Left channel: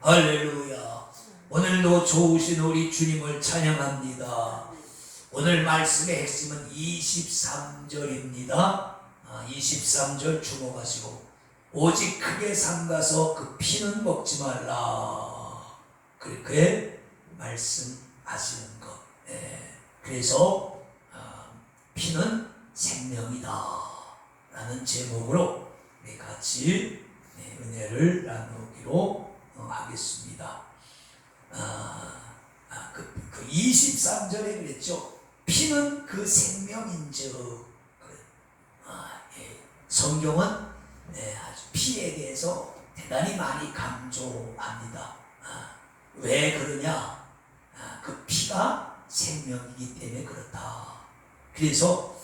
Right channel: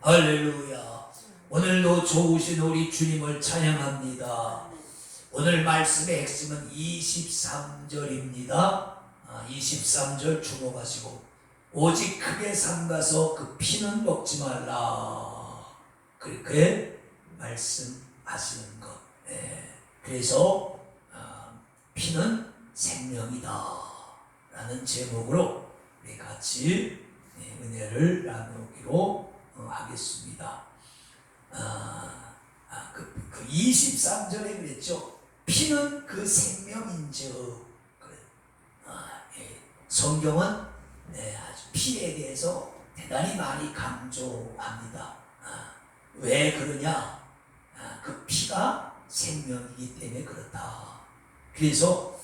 할렐루야. 오늘도 좋으신 우리 주님을 찬양합니다. 오늘 말씀의 핵심은 23절입니다. 23절 주목하시고, 오직 크게 삼가서 그 피는 먹지 말라, 그렇게 말씀하시는 것. 그래서 피는 생명이다 라는 제목으로 우리 같이 은혜를 나누기로 하겠습니다. 그 23절에 그랬죠. 피는 그 생명인즉. 성경은 아주 피에 대해서 대단히 많이 강조합니다. 왜 그러냐? 그 피가 생명이기 때문에 그렇다. 그래서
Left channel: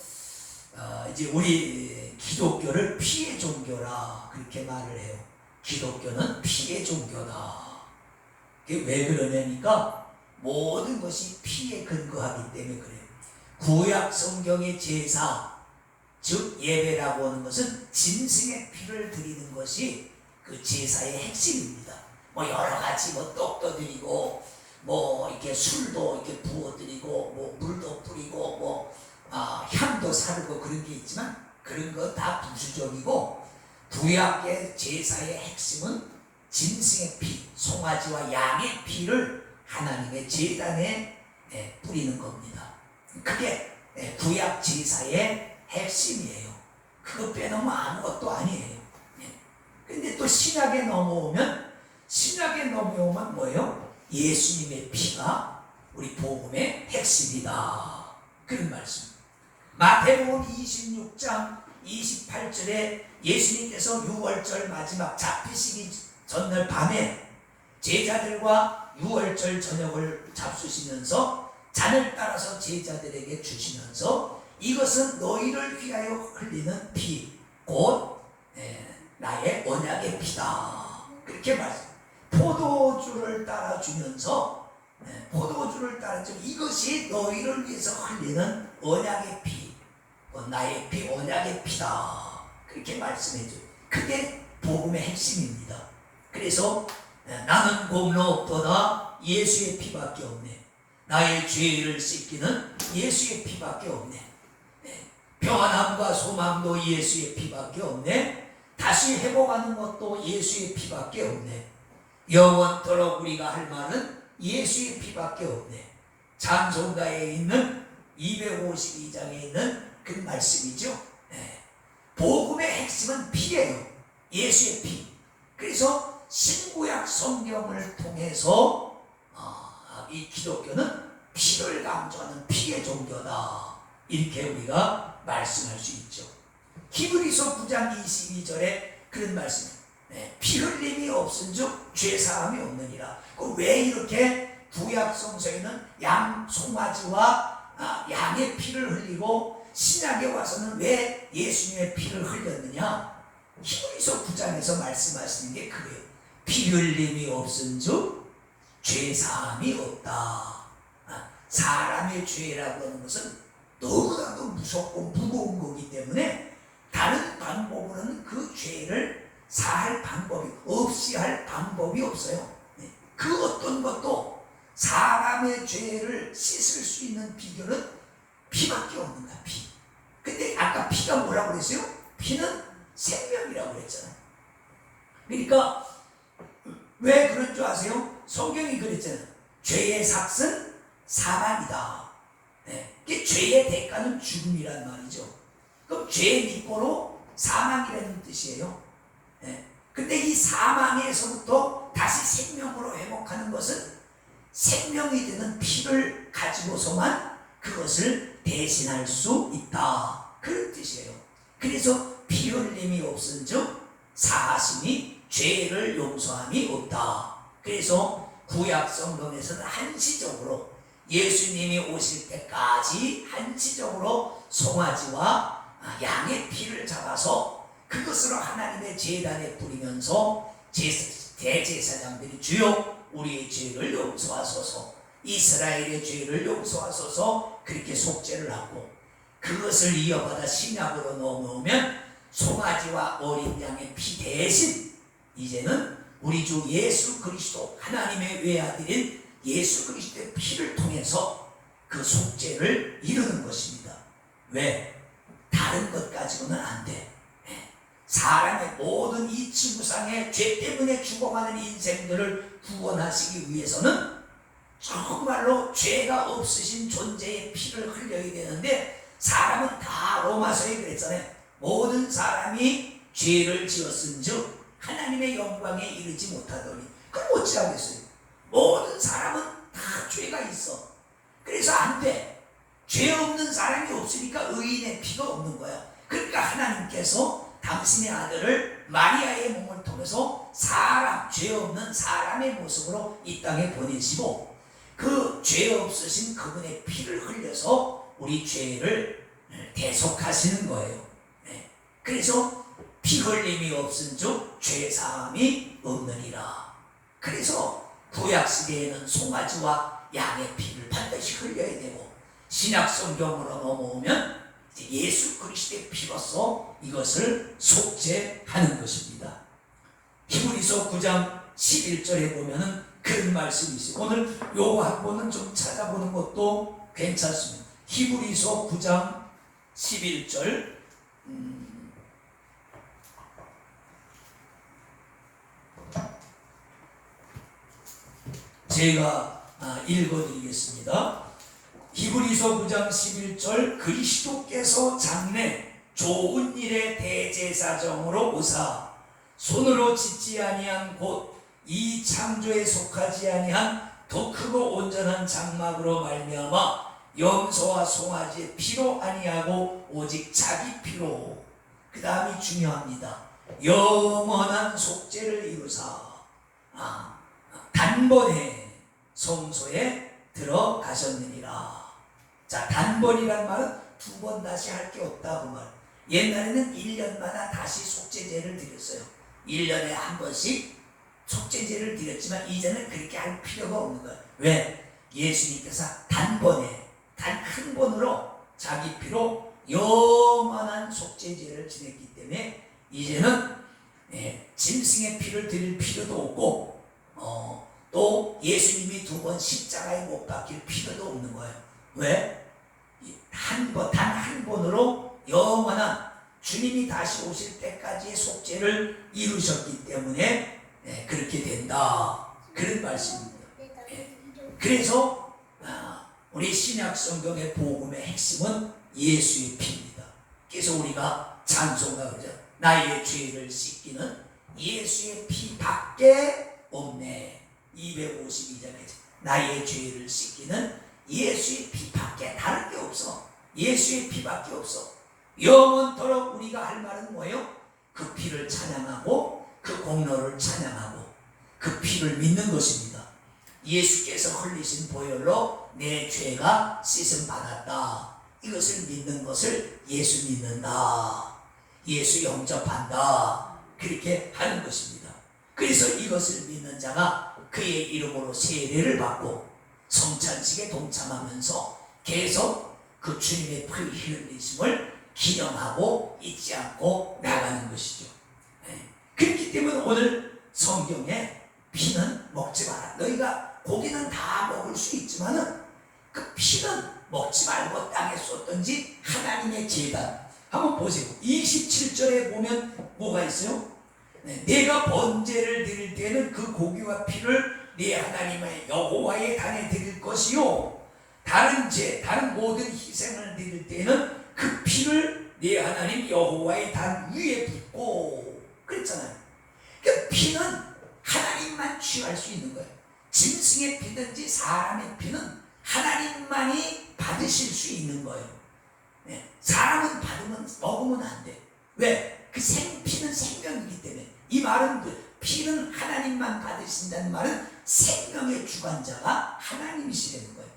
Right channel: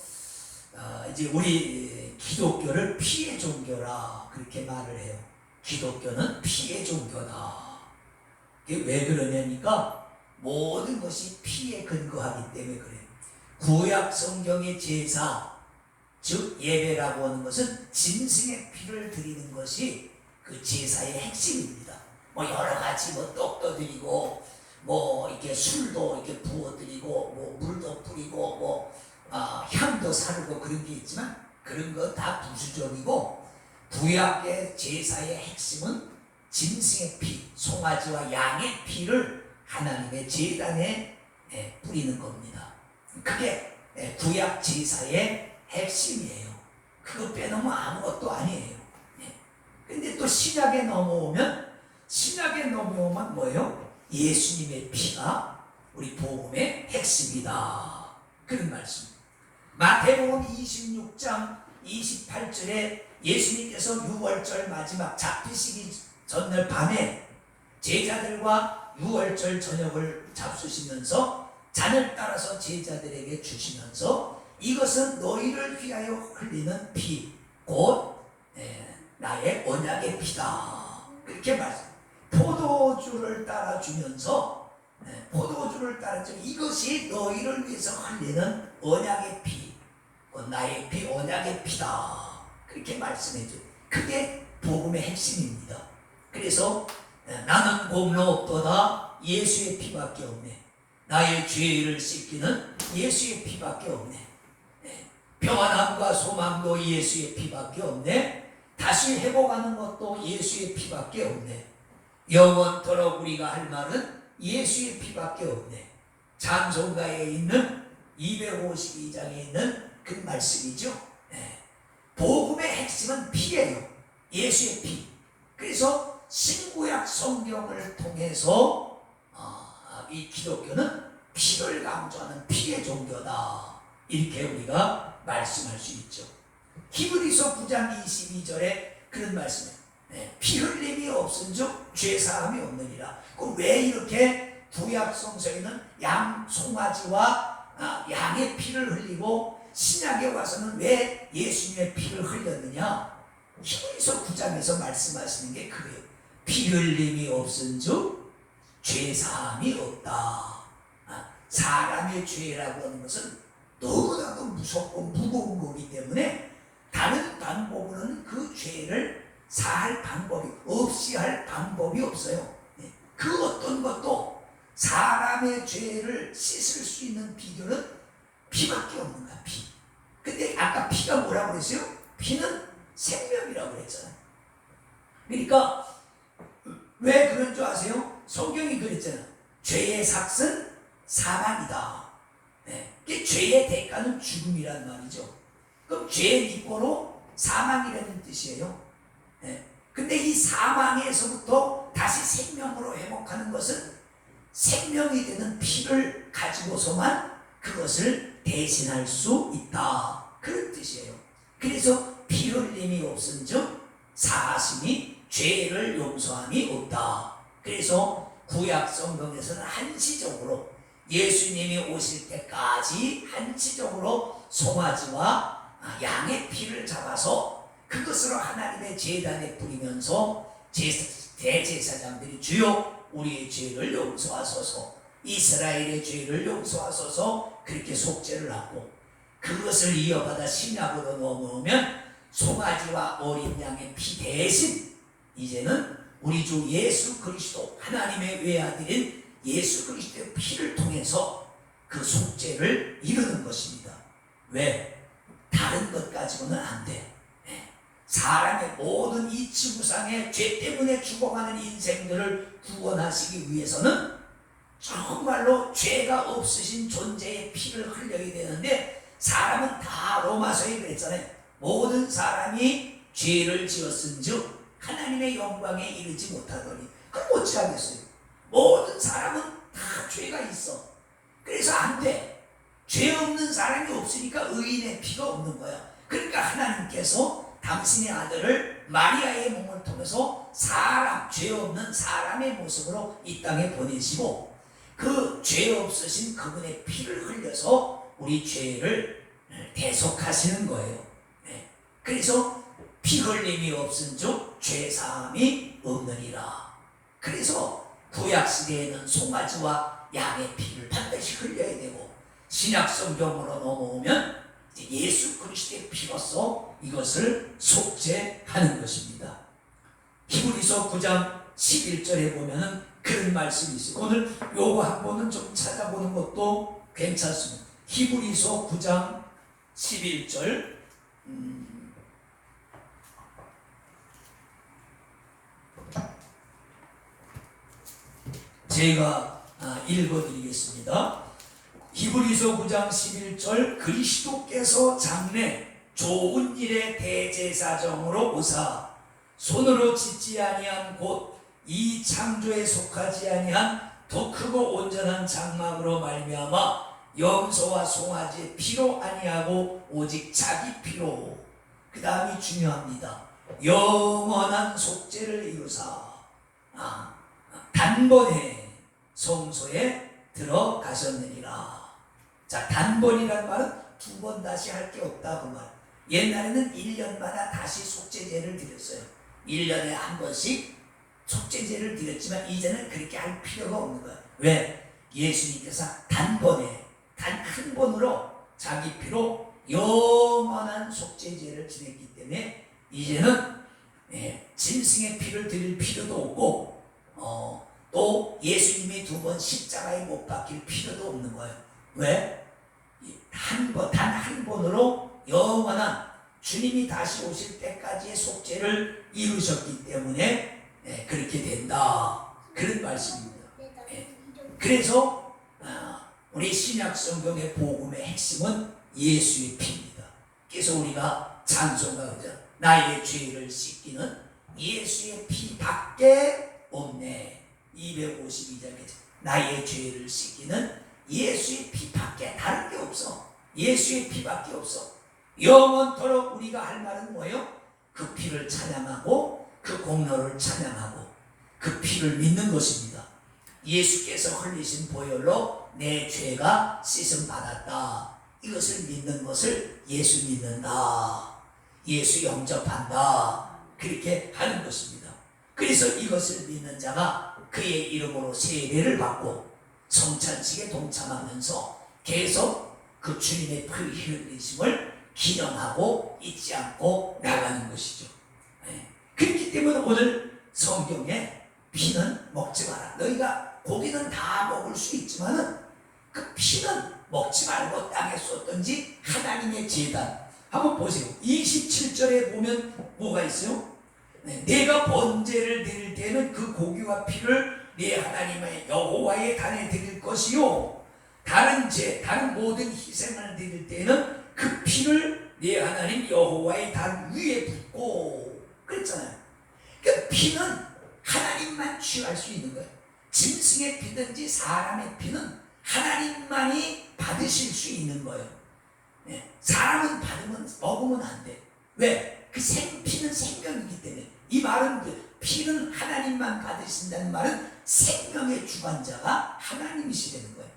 이제 우리 기독교를 피의 종교라 그렇게 말을 해요. 기독교는 피의 종교다. 왜 그러냐니까 모든 것이 피에 근거하기 때문에 그래요. 구약 성경의 제사, 즉 예배라고 하는 것은 짐승의 피를 드리는 것이 그 제사의 핵심입니다. 여러 가지 떡도 드리고 이렇게 술도 이렇게 부어드리고 물도 뿌리고 향도 사르고 그런 게 있지만 그런 거 다 부수적이고, 구약의 제사의 핵심은 짐승의 피, 송아지와 양의 피를 하나님의 제단에 뿌리는 겁니다. 그게 구약 제사의 핵심이에요. 그거 빼놓으면 아무것도 아니에요. 근데 또 신약에 넘어오면 뭐예요? 예수님의 피가 우리 복음의 핵심이다, 그런 말씀. 마태복음 26장 28절에 예수님께서 6월절 마지막 잡히시기 전날 밤에 제자들과 6월절 저녁을 잡수시면서 잔을 따라서 제자들에게 주시면서 이것은 너희를 위하여 흘리는 피, 곧 나의 언약의 피다, 그렇게 말씀. 포도주를 따라주면서 이것이 너희를 위해서 흘리는 언약의 피, 나의 피, 언약의 피다, 그렇게 말씀해줘요. 그게 복음의 핵심입니다. 그래서 나는 공로 없도다, 예수의 피밖에 없네. 나의 죄를 씻기는 예수의 피밖에 없네. 평안함과 소망도 예수의 피밖에 없네. 다시 회복하는 것도 예수의 피밖에 없네. 영원토록 우리가 할 말은 예수의 피밖에 없네. 찬송가에 있는 252장에 있는 그 말씀이죠. 복음의 핵심은 피예요. 예수의 피. 그래서 신구약 성경을 통해서 이 기독교는 피를 강조하는 피의 종교다, 이렇게 우리가 말씀할 수 있죠. 히브리서 9장 22절에 그런 말씀, 피 흘림이 없은즉 죄 사함이 없느니라. 왜 이렇게 구약 성서에는 양, 송아지와 양의 피를 흘리고 신약에 와서는 왜 예수님의 피를 흘렸느냐? 히브리서 9장에서 말씀하시는 게 그래요. 피 흘림이 없은즉 죄 사함이 없다. 사람의 죄라고 하는 것은 너무나도 무섭고 무거운 거기 때문에 다른 방법으로는 그 죄를 사할 방법이 없이 할 방법이 없어요. 그 어떤 것도 사람의 죄를 씻을 수 있는 비결은 피밖에 없는 거야, 피. 근데 아까 피가 뭐라고 그랬어요? 피는 생명이라고 그랬잖아요. 그러니까 왜 그런 줄 아세요? 성경이 그랬잖아요. 죄의 삭은 사망이다. 죄의 대가는 죽음이란 말이죠. 그럼 죄의 미포로 사망이라는 뜻이에요. 근데 이 사망에서부터 다시 생명으로 회복하는 것은 생명이 되는 피를 가지고서만 그것을 대신할 수 있다, 그런 뜻이에요. 그래서 피 흘림이 없은즉 사하심이 죄를 용서함이 없다. 그래서 구약 성경에서는 한시적으로 예수님이 오실 때까지 한시적으로 송아지와 양의 피를 잡아서 그것으로 하나님의 제단에 뿌리면서 대제사장들이 주여 우리의 죄를 용서하소서, 이스라엘의 죄를 용서하소서, 그렇게 속죄를 하고, 그것을 이어받아 신약으로 넘어오면 송아지와 어린 양의 피 대신 이제는 우리 주 예수 그리스도 하나님의 외아들인 예수 그리스도의 피를 통해서 그 속죄를 이루는 것입니다. 왜? 다른 것 가지고는 안 돼. 사람의 모든 이 지구상의 죄 때문에 죽어가는 인생들을 구원하시기 위해서는 정말로 죄가 없으신 존재의 피를 흘려야 되는데, 사람은 다 로마서에 그랬잖아요. 모든 사람이 죄를 지었은즉 하나님의 영광에 이르지 못하더니. 그럼 어찌하겠어요? 모든 사람은 다 죄가 있어. 그래서 안 돼. 죄 없는 사람이 없으니까 의인의 피가 없는 거야. 그러니까 하나님께서 당신의 아들을 마리아의 몸을 통해서 사람, 죄 없는 사람의 모습으로 이 땅에 보내시고, 그 죄 없으신 그분의 피를 흘려서 우리 죄를 대속하시는 거예요. 그래서 피 흘림이 없은즉 죄 사함이 없느니라. 그래서 구약 시대에는 송아지와 양의 피를 반드시 흘려야 되고, 신약 성경으로 넘어오면 예수 그리스도의 피로서 이것을 속죄하는 것입니다. 히브리서 9장 11절에 보면은 그런 말씀이 있어요. 오늘 요거 한 번은 좀 찾아보는 것도 괜찮습니다. 히브리서 9장 11절. 제가 읽어드리겠습니다. 히브리서 9장 11절. 그리스도께서 장래 좋은 일의 대제사장으로 오사 손으로 짓지 아니한 곧 이 창조에 속하지 아니한 더 크고 온전한 장막으로 말미암아 염소와 송아지의 피로 아니하고 오직 자기 피로, 그 다음이 중요합니다. 영원한 속죄를 이루사 단번에 성소에 들어가셨느니라. 자, 단번이란 말은 두 번 다시 할 게 없다 그 말. 옛날에는 1년마다 다시 속죄제를 드렸어요. 1년에 한 번씩 속죄제를 드렸지만 이제는 그렇게 할 필요가 없는 거야. 왜? 예수님께서 단번에 단 한 번으로 자기 피로 영원한 속죄제를 지냈기 때문에 이제는 짐승의 피를 드릴 필요도 없고, 또 예수님이 두 번 십자가에 못 박힐 필요도 없는 거예요. 왜? 단 한 번으로 영원한 주님이 다시 오실 때까지의 속죄를 이루셨기 때문에 그렇게 된다. 그런 말씀입니다. 그래서 우리 신약 성경의 복음의 핵심은 예수의 피입니다. 그래서 우리가 찬송가 그러죠. 나의 죄를 씻기는 예수의 피밖에 없네. 252절 나의 죄를 씻기는 예수의 피밖에, 다른 게 없어. 예수의 피밖에 없어. 영원토록 우리가 할 말은 뭐예요? 그 피를 찬양하고 그 공로를 찬양하고 그 피를 믿는 것입니다. 예수께서 흘리신 보혈로 내 죄가 씻음 받았다. 이것을 믿는 것을 예수 믿는다. 예수 영접한다. 그렇게 하는 것입니다. 그래서 이것을 믿는 자가 그의 이름으로 세례를 받고 성찬식에 동참하면서 계속 그 주님의 피 흘리심을 기념하고 잊지 않고 나가는 것이죠. 그렇기 때문에 오늘 성경에 피는 먹지 마라. 너희가 고기는 다 먹을 수 있지만은 그 피는 먹지 말고 땅에 쏟든지 하나님의 제단. 한번 보세요. 27절에 보면 뭐가 있어요? 내가 번제를 드릴 때는 그 고기와 피를 네 하나님의 여호와의 단에 드릴 것이요, 다른 모든 희생을 드릴 때는 그 피를 네 하나님 여호와의 단 위에 붓고 그랬잖아요. 그 피는 하나님만 취할 수 있는 거예요. 짐승의 피든지 사람의 피는 하나님만이 받으실 수 있는 거예요. 사람은 먹으면 안 돼. 왜? 그 피는 생명이기 때문에. 이 말은 피는 하나님만 받으신다는 말은 생명의 주관자가 하나님이시라는 거예요.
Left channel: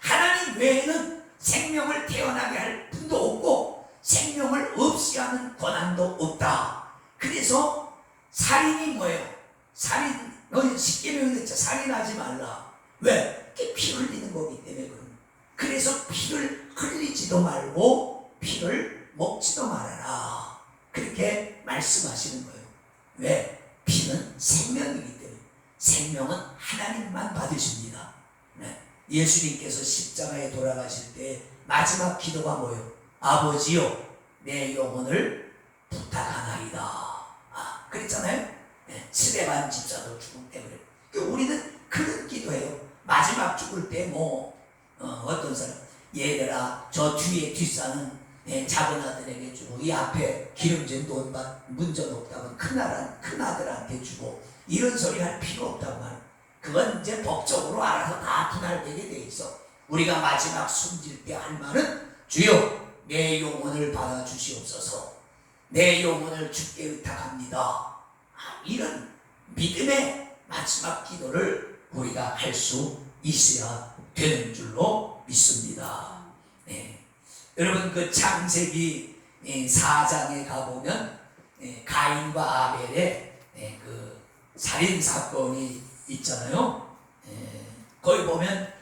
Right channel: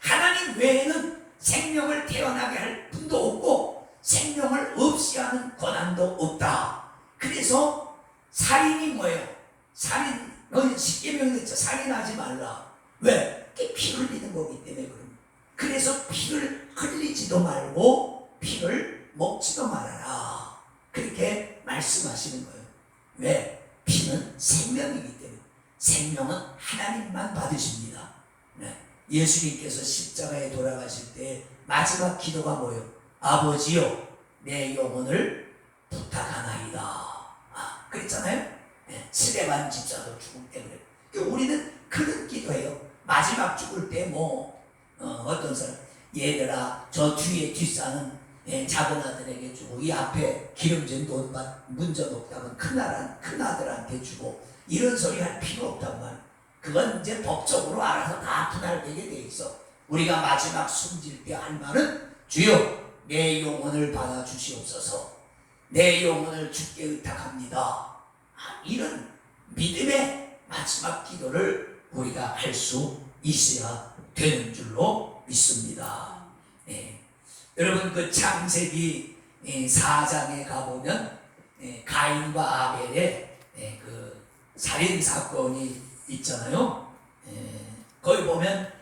하나님 외에는 생명을 태어나게 할 분도 없고 생명을 없이 하는 권한도 없다. 그래서 살인이 뭐예요? 살인, 십계명이 있죠. 살인하지 말라. 왜? 그게 피 흘리는 거기 때문에 그런. 그래서 피를 흘리지도 말고 피를 먹지도 말아라. 그렇게 말씀하시는 거예요. 왜? 피는 생명이기 때문에 생명은 하나님만 받으십니다. 네. 예수님께서 십자가에 돌아가실 때 마지막 기도가 뭐예요? 아버지요, 내 영혼을 부탁하나이다. 그랬잖아요. 네. 스데반 집사도 죽음 때문에. 그러니까 우리는 그런 기도해요. 마지막 죽을 때 어떤 사람, 얘들아 저 뒤에 뒷산은 작은 아들에게 주고 이 앞에 기름진 돈밭 문전 없다면 큰 아들한테 주고 이런 소리 할 필요 없단 말이에요. 그건 이제 법적으로 알아서 다 분할되게 돼 있어. 우리가 마지막 숨질 때 할 말은 주여 내 영혼을 받아주시옵소서, 내 영혼을 주께 의탁합니다. 이런 믿음의 마지막 기도를 우리가 할 수 있어야 되는 줄로 믿습니다. 네. 여러분 그 창세기 4장에 가보면 가인과 아벨의 그 살인 사건이 있잖아요. 거기 보면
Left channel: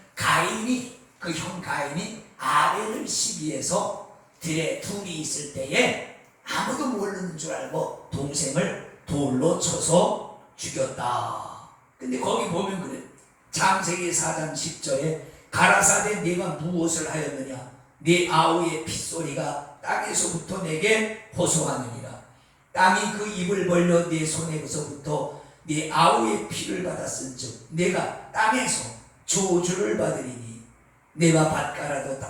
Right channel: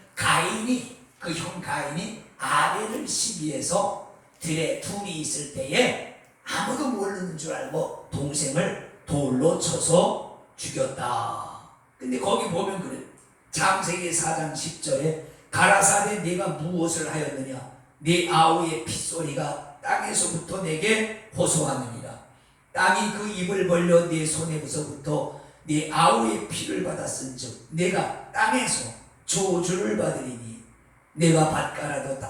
그 형 가인이 아벨을 시비해서 들에 둘이 있을 때에 아무도 모르는 줄 알고 동생을 돌로 쳐서 죽였다. 근데 거기 보면 그래. 창세기 4장 10절에 가라사대 네가 무엇을 하였느냐, 네 아우의 핏소리가 땅에서부터 내게 호소하느니라. 땅이 그 입을 벌려 네 손에서부터 네 아우의 피를 받았은즉 내가 땅에서 저주를 받으리니 내가 밭가라도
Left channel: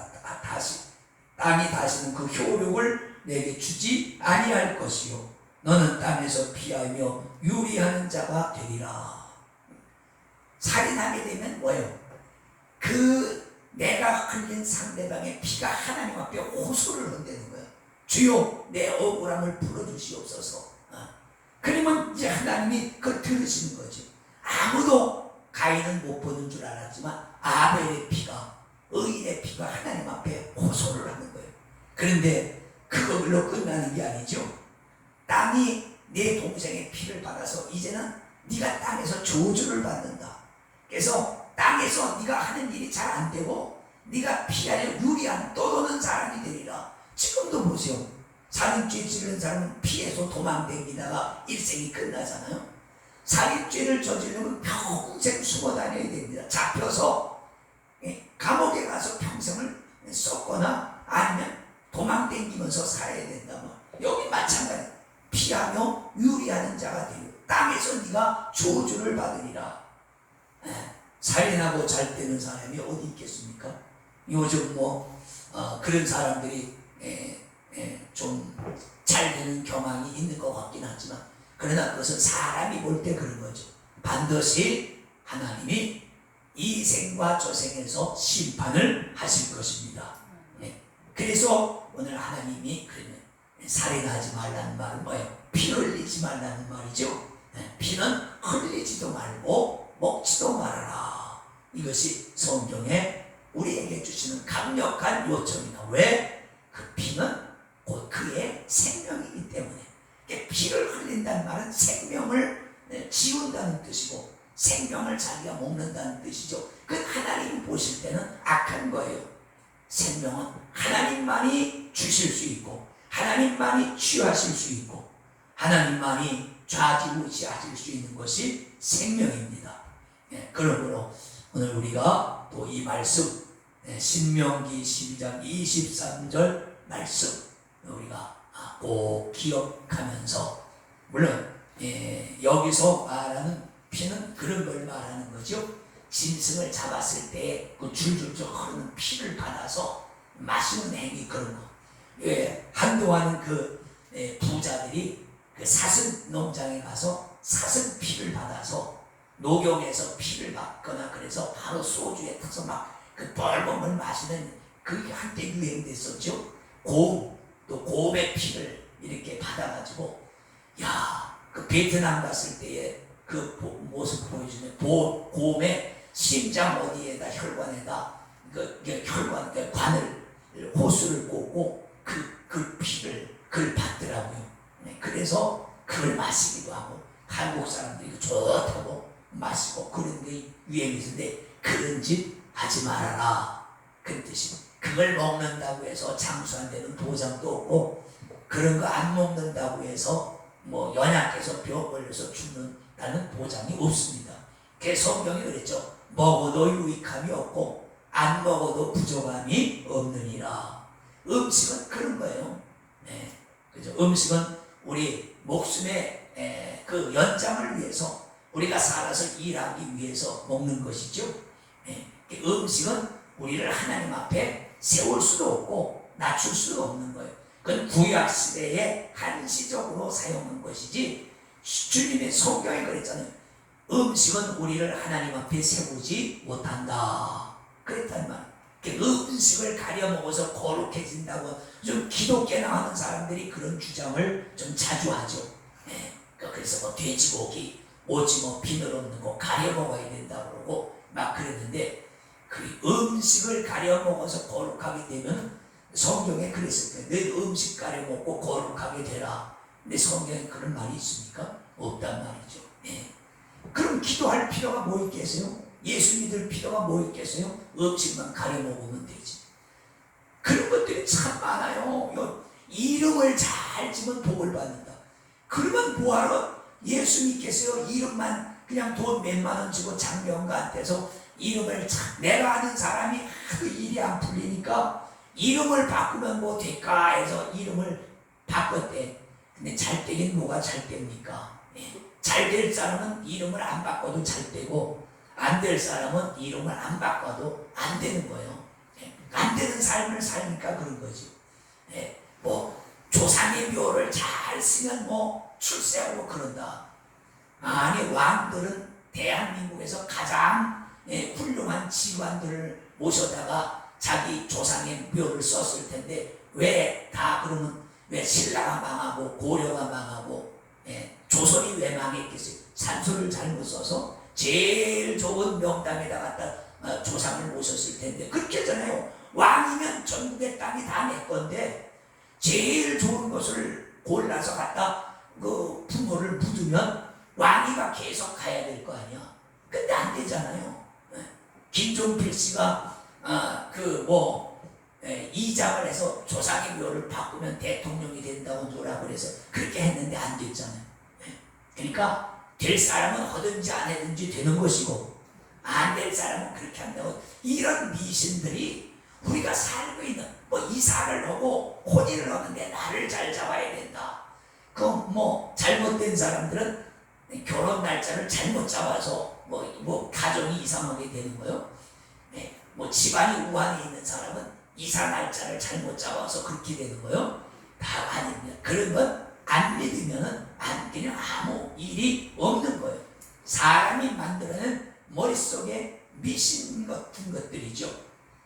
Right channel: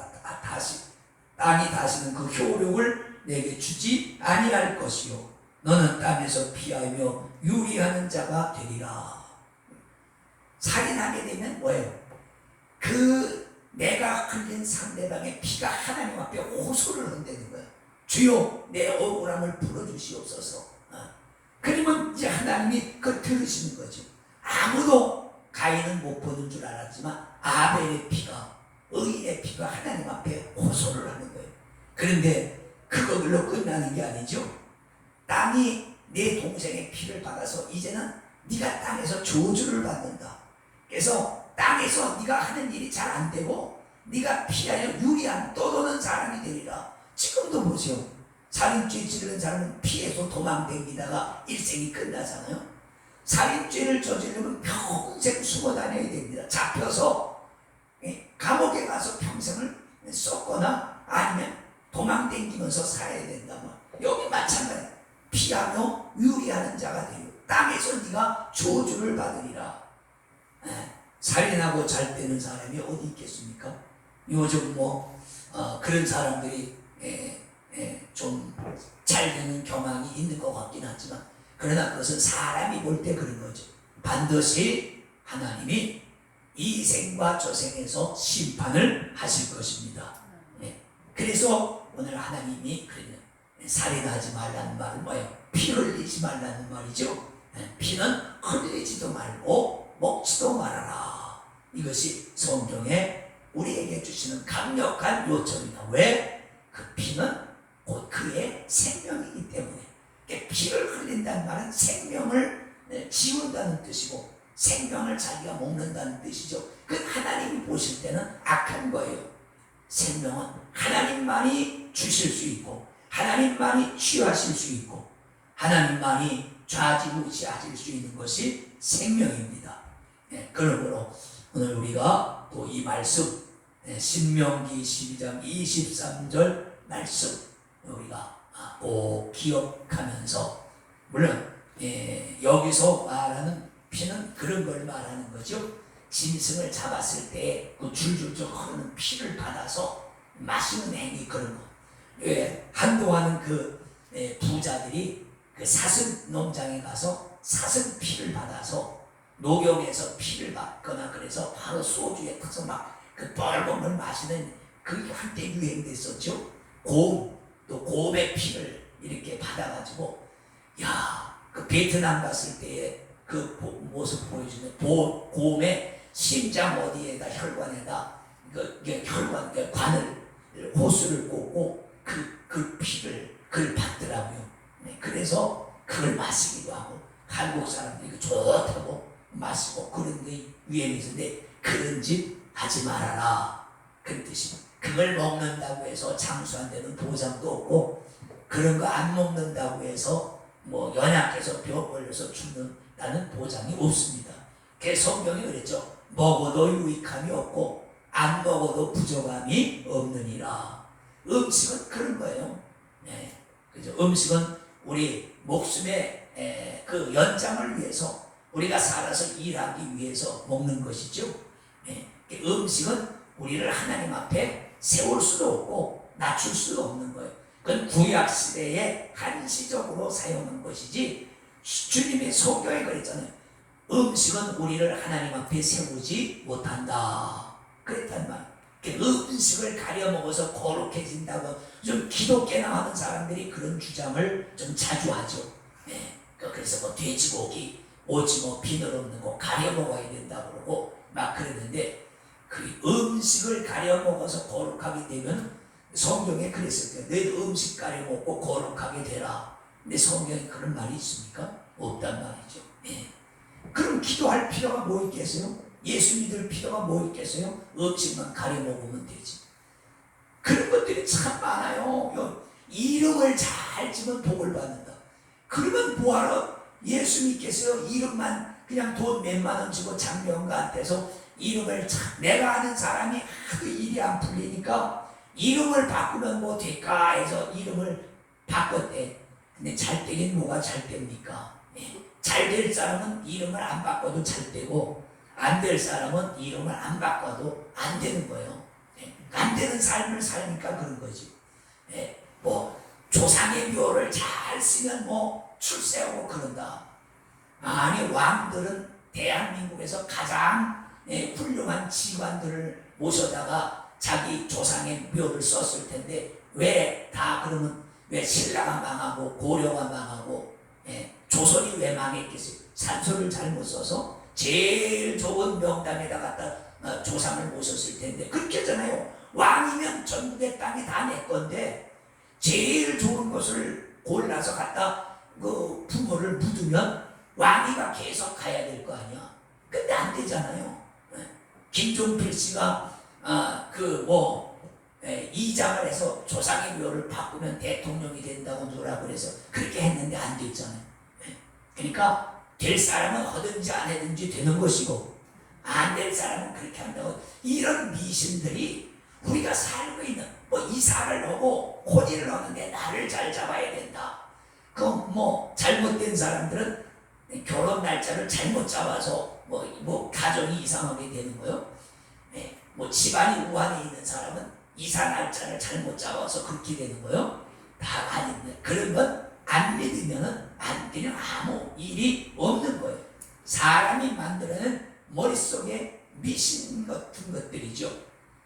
땅이 다시는 그 효력을 내게 주지 아니할 것이요 너는 땅에서 피하며 유리하는 자가 되리라. 살인하게 되면 뭐예요? 내가 흘린 상대방의 피가 하나님 앞에 호소를 한다는 거예요. 주여 내 억울함을 풀어주시옵소서. 그러면 이제 하나님이 그걸 들으시는 거죠. 아무도 가인은 못 보는 줄 알았지만 아벨의 피가, 의인의 피가 하나님 앞에 호소를 하는 거예요. 그런데 그걸로 끝나는 게 아니죠. 땅이 내 동생의 피를 받아서 이제는 네가 땅에서 저주를 받는다. 그래서 땅에서 네가 하는 일이 잘 안 되고 네가 피하여 유리한 떠도는 사람이 되리라. 지금도 보세요. 살인죄 지르는 사람은 피해서 도망다니다가 일생이 끝나잖아요. 살인죄를 저지르면 평생 숨어 다녀야 됩니다. 잡혀서 감옥에 가서 평생을 썩거나 아니면 도망다니면서 살아야 된다면 여기 마찬가지. 피하며 유리하는 자가 되고 땅에서 네가 저주를 받으리라. 살인하고 잘 되는 사람이 어디 있겠습니까? 요즘 그런 사람들이 좀 잘 되는 경향이 있는 것 같긴 하지만 그러나 그것은 사람이 볼 때 그런 거죠. 반드시 하나님이 이 생과 저 생에서 심판을 하실 것입니다. 그래서 오늘 하나님이 그러면 살인하지 말라는 말은 뭐예요? 피 흘리지 말라는 말이죠. 피는 흘리지도 말고 먹지도 말아라. 이것이 성경에 우리에게 주시는 강력한 요청이다. 왜? 그 피는 곧 그의 생명이기 때문에. 피를 흘린다는 말은 생명을 지운다는 뜻이고 생명을 자기가 먹는다는 뜻이죠. 그 하나님이 보실 때는 악한 거예요. 생명은 하나님만이 주실 수 있고 하나님만이 취하실 수 있고 하나님만이 좌지우지하실 수 있는 것이 생명입니다. 그러므로 오늘 우리가 또 이 말씀 신명기 12장 23절 말씀 우리가 꼭 기억하면서 물론 여기서 말하는 피는 그런 걸 말하는 거죠. 짐승을 잡았을 때 그 줄줄줄 흐르는 피를 받아서 마시는 행위 그런 거. 한동안은 그 부자들이 그 사슴 농장에 가서 사슴 피를 받아서 녹용에서 피를 받거나 그래서 바로 소주에 타서 막 그 뻘건 걸 마시는 그게 한때 유행됐었죠. 또 곰의 피를 이렇게 받아가지고 그 베트남 갔을 때의 그 모습 보여주네. 곰의 심장 어디에다 혈관에다 혈관 관을 호수를 꽂고 그 피를 그걸 받더라고요. 그래서 그걸 마시기도 하고 한국 사람들이 좋다고 마시고 그런 게 유행이 있는데 그런 짓 하지 말아라. 그 뜻이 그걸 먹는다고 해서 장수 안 되는 도장도 없고 그런 거 안 먹는다고 해서 뭐 연약해서 병 걸려서 죽는다는 보장이 없습니다. 그래서 성경이 그랬죠. 먹어도 유익함이 없고 안 먹어도 부족함이 없느니라. 음식은 그런 거예요. 네. 그죠? 음식은 우리 목숨의 그 연장을 위해서 우리가 살아서 일하기 위해서 먹는 것이죠. 네. 음식은 우리를 하나님 앞에 세울 수도 없고 낮출 수도 없는 거예요. 그건 구약시대에 한시적으로 사용한 것이지 주님의 성경에 그랬잖아요. 음식은 우리를 하나님 앞에 세우지 못한다 그랬단 말이에요. 음식을 가려 먹어서 거룩해진다고 좀 기독교나 하는 사람들이 그런 주장을 좀 자주 하죠. 네. 그래서 뭐 돼지고기, 오징어, 비늘 없는 거 가려 먹어야 된다 그러고 막 그러는데 그 음식을 가려 먹어서 거룩하게 되면 성경에 그랬을 거예요. 너희 음식 가려 먹고 거룩하게 되라. 근데 성경에 그런 말이 있습니까? 없단 말이죠. 네. 그럼 기도할 필요가 뭐 있겠어요? 예수 믿을 필요가 뭐 있겠어요? 음식만 가려 먹으면 되지. 그런 것들이 참 많아요. 이름을 잘 지면 복을 받는다. 그러면 뭐하러 예수 믿겠어요? 이름만 그냥 돈 몇만 원 주고 장병가한테서 이름을 내가 아는 사람이 하도 일이 안 풀리니까 이름을 바꾸면 뭐 될까 해서 이름을 바꿨대. 근데 잘 되긴 뭐가 잘 됩니까? 잘 될 사람은 이름을 안 바꿔도 잘 되고 안 될 사람은 이름을 안 바꿔도 안 되는 거예요. 안 되는 삶을 사니까 그런 거지. 뭐 조상의 묘를 잘 쓰면 뭐 출세하고 그런다. 아니 왕들은 대한민국에서 가장 훌륭한 지관들을 모셔다가 자기 조상의 묘를 썼을 텐데 왜 다 그러면 왜 신라가 망하고 고려가 망하고 조선이 왜 망했겠어요? 산소를 잘못 써서 제일 좋은 명당에다 갖다 조상을 모셨을 텐데 그렇게 하잖아요. 왕이면 전국의 땅이 다 내 건데 제일 좋은 것을 골라서 갖다 그 부모를 묻으면 왕이가 계속 가야 될 거 아니야. 근데 안 되잖아요. 김종필 씨가 이장을 해서 조상의 묘를 바꾸면 대통령이 된다고 뭐라 그래서 그렇게 했는데 안 됐잖아요. 그러니까 될 사람은 하든지 안 하든지 되는 것이고 안 될 사람은 그렇게 한다고. 이런 미신들이 우리가 살고 있는 뭐 이사를 하고 혼인을 하는데 나를 잘 잡아야 된다. 뭐 잘못된 사람들은 결혼 날짜를 잘못 잡아서 뭐 가정이 이상하게 되는 거요. 뭐 집안이 우환에 있는 사람은 이사 날짜를 잘못 잡아서 그렇게 되는 거요. 다 아닙니다. 그런 건 안 믿으면은 그냥 아무 일이 없는 거예요. 사람이 만들어낸 머릿속에 미신 같은 것들이죠.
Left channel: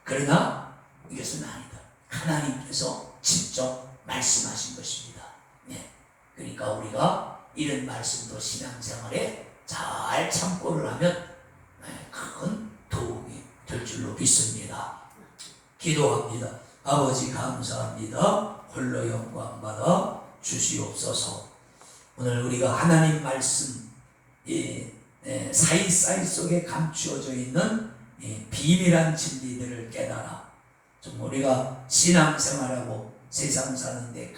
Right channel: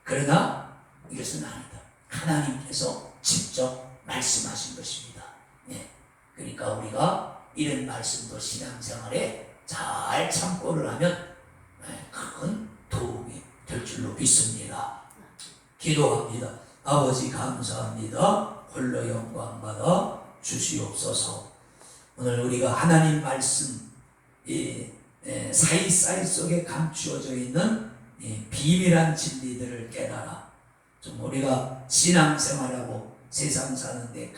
그러나 이것은 아니다. 하나님께서 직접 말씀하신 것입니다. 그러니까 우리가 이런 말씀도 신앙생활에 잘 참고를 하면 큰 도움이 될 줄로 믿습니다. 기도합니다. 아버지 감사합니다. 홀로 영광받아 주시옵소서. 오늘 우리가 하나님 말씀 사이사이 속에 감추어져 있는 비밀한 진리들을 깨달아 좀 우리가 신앙생활하고 세상 사는데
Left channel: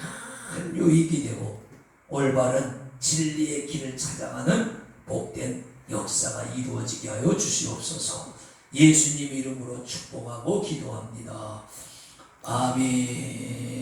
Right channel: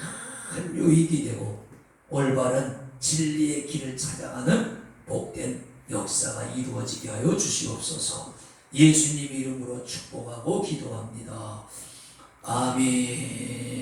큰 유익이 되고 올바른 진리의 길을 찾아가는 복된 역사가 이루어지게 하여 주시옵소서. 예수님 이름으로 축복하고 기도합니다. 아멘.